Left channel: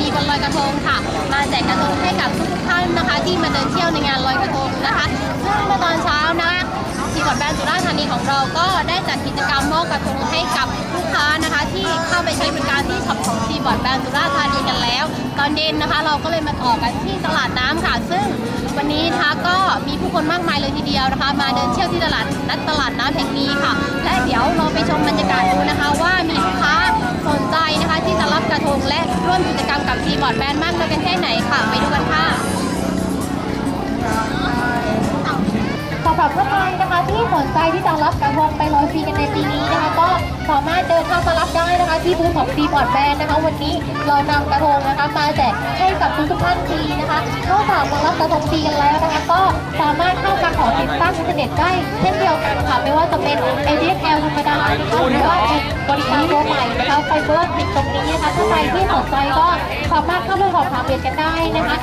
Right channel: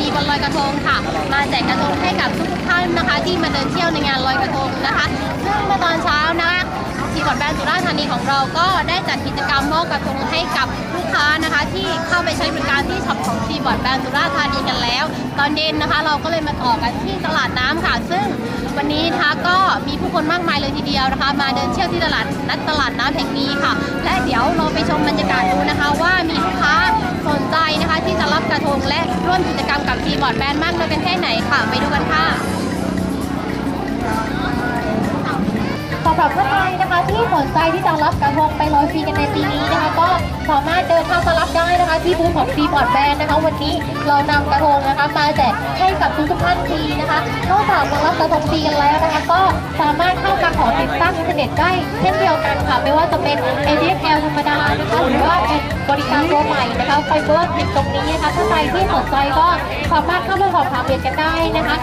ณีวันลอยกระทงค่ะ มาแจกกระทงให้กับทุกท่านนะคะ ที่มาเดินเที่ยวในงานลอยกระทงนะคะซึ่งเมื่อตอนเช้านะคะทีมบอดแบนสุราษฎร์ธานีของเราก็ได้จัดกิจกรรมมอบกระทงให้กับลูกค้านะคะ ที่เข้าไปใช้บริการที่ช็อปของทีมบอดแบนสุราษฎร์ธานีกันแล้ว ตอนเย็นนะคะ เราก็เลยมาต่อกันที่ตลาดน้ำค่ะ ซึ่งวันนี้นะคะก็มีผู้คนมากมายเลยทีเดียวนะคะ มาเดินเที่ยวที่ตลาดนัดตลาดน้ำแห่งนี้ค่ะ และเดี๋ยวเราไปชมบรรยากาศดูนะคะ รับกระทงและร่วมกิจกรรมกับทีมบอดแบนมากน้อยกันแค่ไหนค่ะ ไปดูกันค่ะสำหรับท่านใดนะคะที่สนใจที่จะรับกระทงไปลอยฟรีกันในปีนี้นะคะ ก็สามารถเดินทางมารับได้นะคะ ที่บูธของทีมบอร์ดแบนนะคะ วันนี้เรานำกระทงนะคะมาแจกให้กับทุกทุกท่านฟรีนะคะนอกจาก ระดมฟรีกันแล้วนะคะ ก็สามารถเข้ามาขอติดตั้งอินเทอร์เน็ตได้เช่นเดียวกันค่ะ ไม่ว่าจะเป็น ADSL ธรรมดานะคะหรือว่าเป็นบริการตัวใหม่นะคะไฟเบอร์ติดตรงนี้นะคะถ้าใครที่สนใจก็สามารถเข้ามาสอบถามเรียนกันได้นะคะ